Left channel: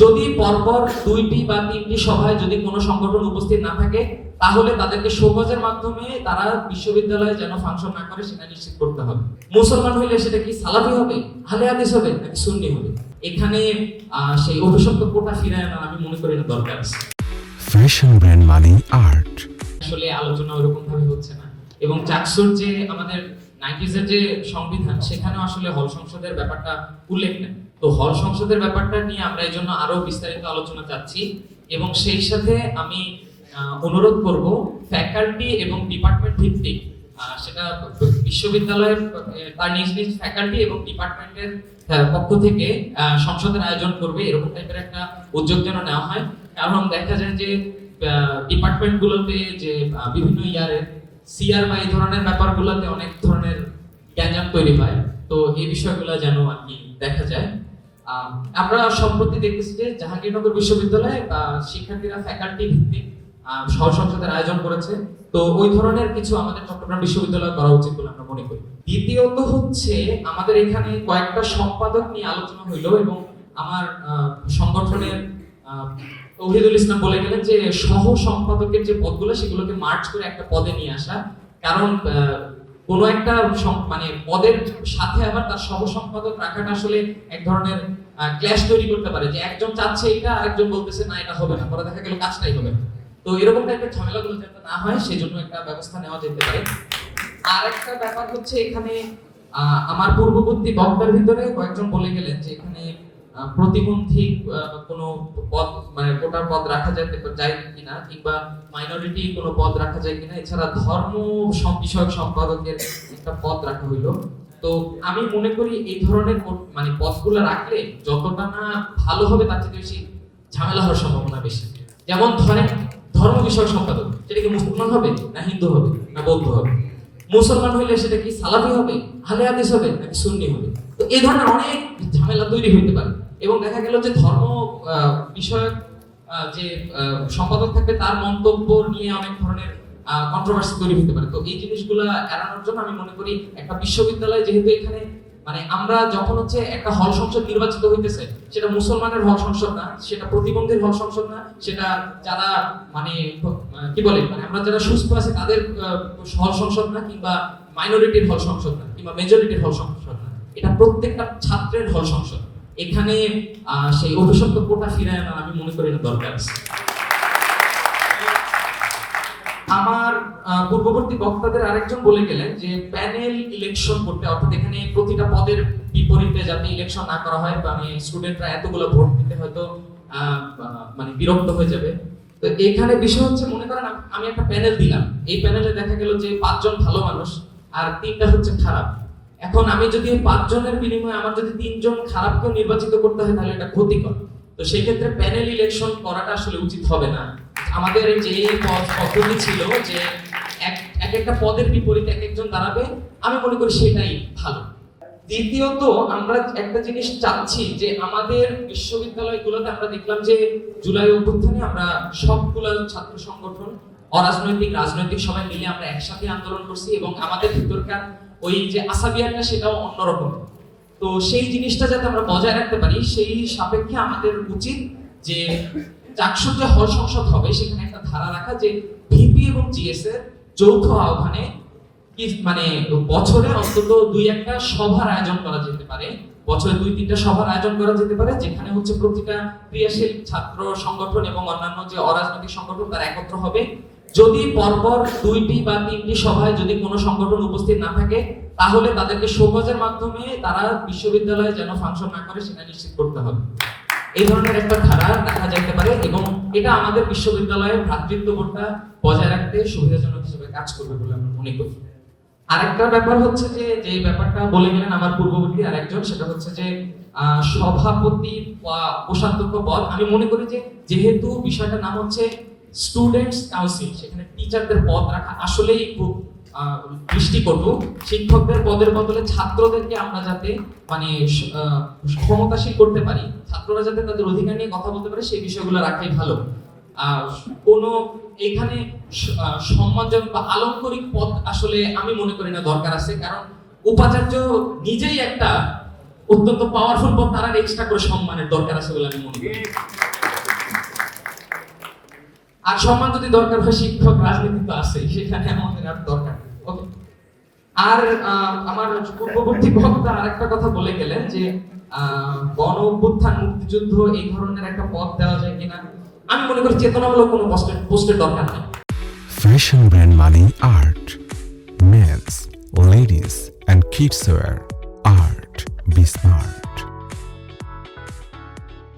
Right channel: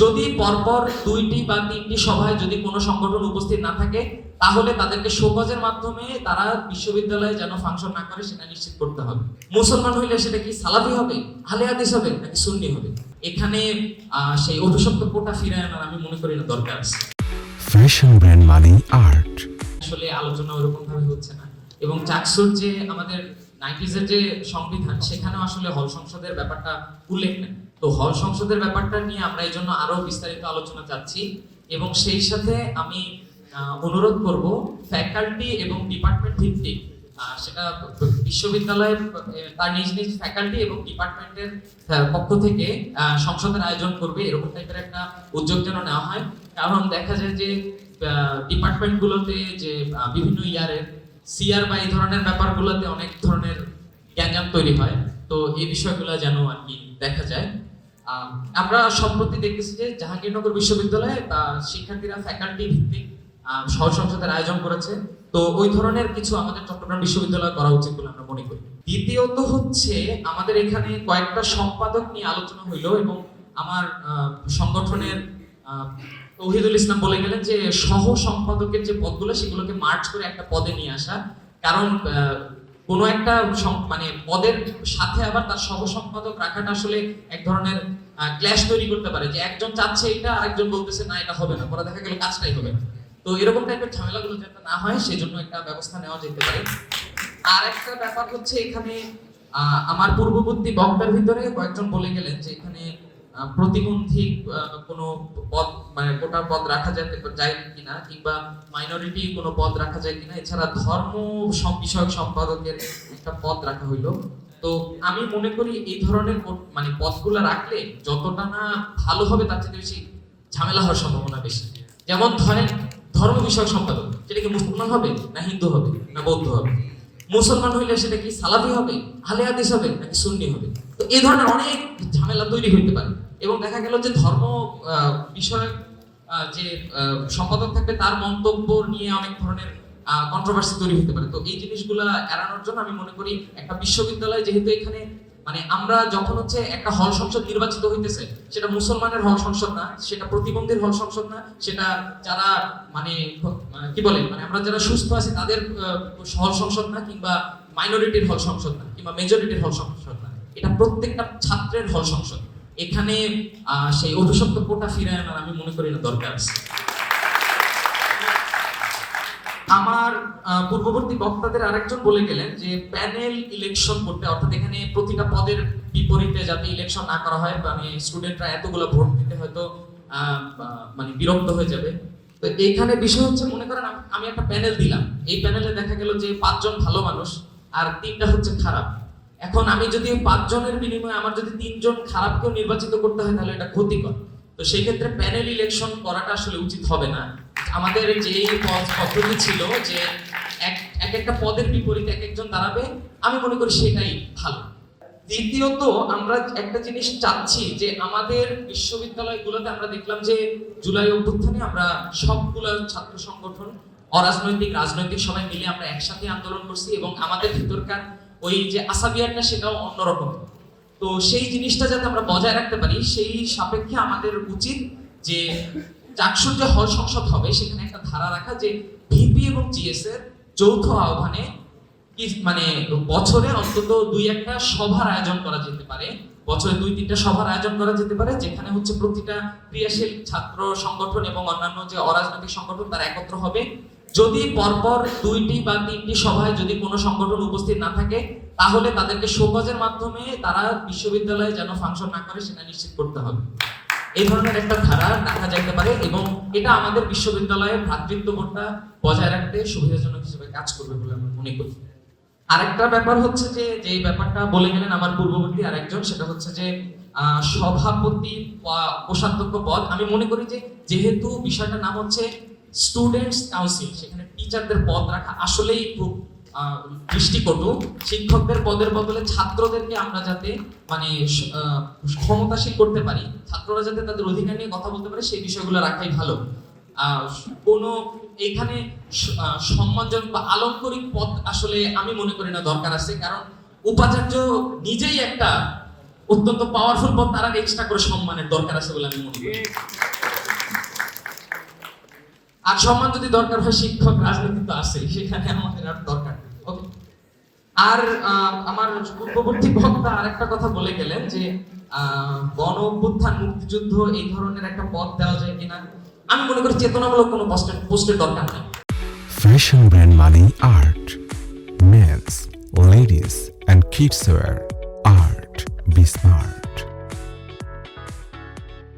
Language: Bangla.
যদি পরপর দুইটি বা তিনটি সভায় যদি কোনো সংগঠন উপস্থিত না থাকে তাহলে তাদেরকে শোকজের মাধ্যমে তারা বিশ্ববিদ্যালয়ে যেন ফাংশন না করে সেটা নিশ্চিত করতে হবে। মুসলমান হইলে সেটা কি সালাফি হবে আহলে হাদিস হবে নাকি সুন্নি হবে? এখানে সেই অভিশপ্ত কোটা ফিরায় আনার আমি মনে করি না দরকার আছে। ফ্যাশন ব্র্যান্ড মানে আর্ট আসলে আলোচনা ওরকম ভাবে হচ্ছে না। এবং চাকসুর যে আমাদের নাইনটিজের যে সংবিধান সেখানে আসলে হল সংসদের ব্যাপারটা উল্লেখ নেই। তো হল সংসদের ব্যাপারটা নিয়ে আমরা এই জন্য আরও বিস্তারিত আলোচনা চাচ্ছি এবং সেই সাথে আমি অনুরোধ করব ফ্যাকাল্টি এবং ডিপার্টমেন্ট ভিত্তিক সেটা বিশ্ববিদ্যালয়ের তার নিজ নিজ ফ্যাকাল্টি এবং ডিপার্টমেন্টের পক্ষ থেকে সংসদের আয়োজন করবে। এরকম টাইপের একটা উদ্যোগ যেন নেওয়া হয়। কারণ দেখা যায় যে ডিপার্টমেন্ট গুলোতে যে বিভিন্ন ইয়ারে সিআর বা এই ধরনের ব্যাপারগুলোতে অনেক ধরনের গ্যাঞ্জাম তৈরি হয়। তো এই বিষয়গুলো যেন আর কি দেখা যায়। আমরা সম্প্রতি দেখতেছি যে জাহাঙ্গীরনগর বিশ্ববিদ্যালয়ে শিক্ষার্থীরা ফ্যাকাল্টি ভিত্তিক আহ, সহ সংসদের আয়োজন করেছে। তো ওই ধরনের কিছু আমাদের চট্টগ্রাম বিশ্ববিদ্যালয় করা উচিত বলে আমরা মনে করি। দ্বিতীয়ত হচ্ছে আমাদের এখানে কয়েকটা সম্পাদক নিয়ে আলোচনা হইল এবং আমার সংগঠনের তৌহিদুল ইসলাম বলে গেলেন যে সহ সম্পাদকের যে পদগুলো, সেগুলোকে মার্চ করে একটা পদে নিয়ে আসা। কারণ কোনো একটা মানে পদের সাথে আবার তার সহ সম্পাদক রাখাটা আসলে এক ধরনের ক্ল্যাশ তৈরি করতে পারে যে একজন চাচ্ছে এটা আরেকজন বলতেছে না, এটা হবে না, পরে দেখা গেল কাজটাই হবে। তো এরকম টাইপের ঝামেলাগুলো যাতে না হয়, সেজন্য একটা ব্যবস্থা নেওয়া যেতে পারে। আর একটা ব্যাপার হচ্ছে এখানে আমার পূর্ববর্তী বক্তার ভিতরে কয়েকজন বলে গেলেন যে এখানে প্রতিবন্ধী কোনো পদ মানে কোটার পদ রাখা যেতে যায় কিনা, কিংবা মাইনরিটি কোনো পদ রাখা যায় কিনা, এছাড়া ধর্ম বিষয়ক সম্পাদকের একটা পদ রাখা হইল। তো আমি মনে করি এই ধরনের মানে পদগুলো রাখলে যতটা না ভালো হবে, তার থেকে বেশি ঝামেলা হওয়ার সম্ভাবনা বেশি। যেমন ধরেন ধর্ম বিষয়ক সম্পাদক, সেটা কি মুসলমান হবে না হিন্দু হবে না বৌদ্ধ হবে? মুসলমান হইলে সেটা কি সালাফি হবে আহলে হাদিস হবে নাকি সুন্নি হবে? তো এই ধরনের অনেক ঝামেলা তৈরি হইতে পারে। এবং দেখা গেল যে ধর্ম বিষয়ক যে সম্পাদক থাকবে তার মন্তব্য নিয়ে অনেক ধরনের কন্ট্রোভার্সি তৈরি হতে পারে। তো এই জিনিসগুলো এড়ানোর জন্য আমি মনে করি একটা বিশ্ববিদ্যালয় যেহেতু এখানে মানে আমরা যখন হচ্ছে একটা হল সংসদ নির্বাচিত হইতেছে, সেটা মুসলমানের হল সংসদ না, সেটা প্রতিবন্ধীর হল সংসদ না, সেটা যারা মানে মানে কি বলে মানে আমরা যারা সুস্থ আছি তাদের হল সংসদ না কিংবা মাইনরিটির হল সংসদ না, কিংবা মেজরিটির হল সংসদ না, এটা প্রত্যেকটা ছাত্রের হল সংসদ। এখানে সেই অভিশপ্ত কোটা ফিরায় আনার আমি মনে করি না দরকার আছে। আমার পূর্ববর্তী বক্তাদের আরেকজন বলে গেলেন যে প্যানেল ইলেকশন করতে, অর্থাৎ এখানে প্রতিটা পদের বিপরীতে যাতে ইলেকশন না করা হয় মানে স্টুডেন্টরা এতগুলো ভোট দিতে হয়তো মানে বিরক্ত হয়ে যাবে। তো এখানে বিষয় হচ্ছে, মনে করেন আমি একটা প্যানেল দিলাম। এই প্যানেলে দেখা গেল যে পাঁচজন ভালো মানুষ, আর তিনটা হচ্ছে খারাপ। এখন আমি যদি পাঁচজনের বিনিময়ে আমার যদি তিনজন খারাপকেও নির্বাচিত করতে হয়, তাহলে এটা ক্ষতিকর। তো সেই ক্ষেত্রে প্যানেল ইলেকশন করাটা আসলে উচিত হবে না। আমাদের যে পদ পদ্ধতি ছিল যে এক একটা পদের বিপরীতে এক একজন দাঁড়াবে, আমি মনে করি সেটাই ভালো। দ্বিতীয়ত, আমরা একটা জিনিস চাচ্ছি যে আমাদের বিশ্ববিদ্যালয়গুলোতে আমরা দেখলাম যে জুলাই অভ্যুত্থানে আমরা সবগুলো ছাত্র সংগঠন, অরাজনৈতিক, রাজনৈতিক সবাই মিলে আমরা একসাথে আন্দোলন করছি এবং আমাদের ভিতরকার ওই যে আসাবিয়াটা সেটাও অন্যরকম। তো সেই জিনিসটা যাতে আমরা বজায় রাখতে পারি, সেই সাপেক্ষে আমাদের উচিত যে চাকসুর যে হল সংসদ হবে, সেখানে একটা ধারা রাখা যে ভিপি এবং জিএস এর যৌথ আহ্বানে মানে বছরে অন্তত দুই একটা সভার আয়োজন করা যেতে পারে। বছরে দুই তিনটা সভার আয়োজন করা যেতে পারে, যেখানে হচ্ছে প্রতিটা ক্রিয়াশীল ছাত্র সংগঠন এবং অন্যান্য যে অরাজনৈতিক সংগঠন, তারা একত্র হবে। যদি পরপর দুইটি বা তিনটি সভায় যদি কোনো সংগঠন উপস্থিত না থাকে, তাহলে তাদেরকে শোকজের মাধ্যমে তারা বিশ্ববিদ্যালয়ে যেন ফাংশন না করে সেটা নিশ্চিত করতে হবে। এই ধরনের একটা ধারা দেখা যাইতে পারে এবং এটা আমাদের বিশ্ববিদ্যালয়ের ভ্রাতৃত্ববোধটা বজায় রাখতে সুবিধাজনক হিসেবে কাজ করবে বলে আমি মনে করি। আরেকটা ব্যাপার হচ্ছে যে যে ব্যাপারটা বলে গেলেন আমার পূর্ববর্তী আরেকজন, সেটা হচ্ছে যে সভাপতি বা কোষাধ্যক্ষ পদ, আমি মনে করি যে যেহেতু বিষয়টার নাম হচ্ছে স্টুডেন্টস কাউন্সিল সেখানে টিচারদের পদ রাখা, আসলেই খুব দৃষ্টিকটু। শিক্ষকদের পদের বদলে ছাত্রদেরকে আমরা যাতে মানে ক্ষমতাশীল করতে পারি, ছাত্ররা যাতে তাদের অধিকার নিয়ে কথা বলতে পারে, সেই বিষয়গুলো রাখাই ভালো। কোনো এখানে সম্মানজনক বা আলঙ্করিক পদ আসলে আমি মনে করি না দরকার আছে, কারণ উপাচার্য নিজেই একটা অত্যন্ত পাওয়ারফুল পদ, তারা এক্সট্রা করে সম্মানের দরকার আছে বলে আমি মনে করি। আর সম্মান যদি দরকার হয় শিক্ষক রাজনীতি তো আছে সেখানে আমাদের আর দরকার ওকে আর আমার পূর্ববর্তী বক্তা আরেকটা কথা বলে গেলেন যে গণ অভ্যুত্থান মুক্তিযুদ্ধ এই ধরনের একটা পথ দেওয়া যায় কিনা আমি মনে করি চেতনামূলক কোনো পোস্টের পোস্টের দরকার নেই Fashion brand Mali Art. Men's, ladies, and kids wear. Art. Be smart.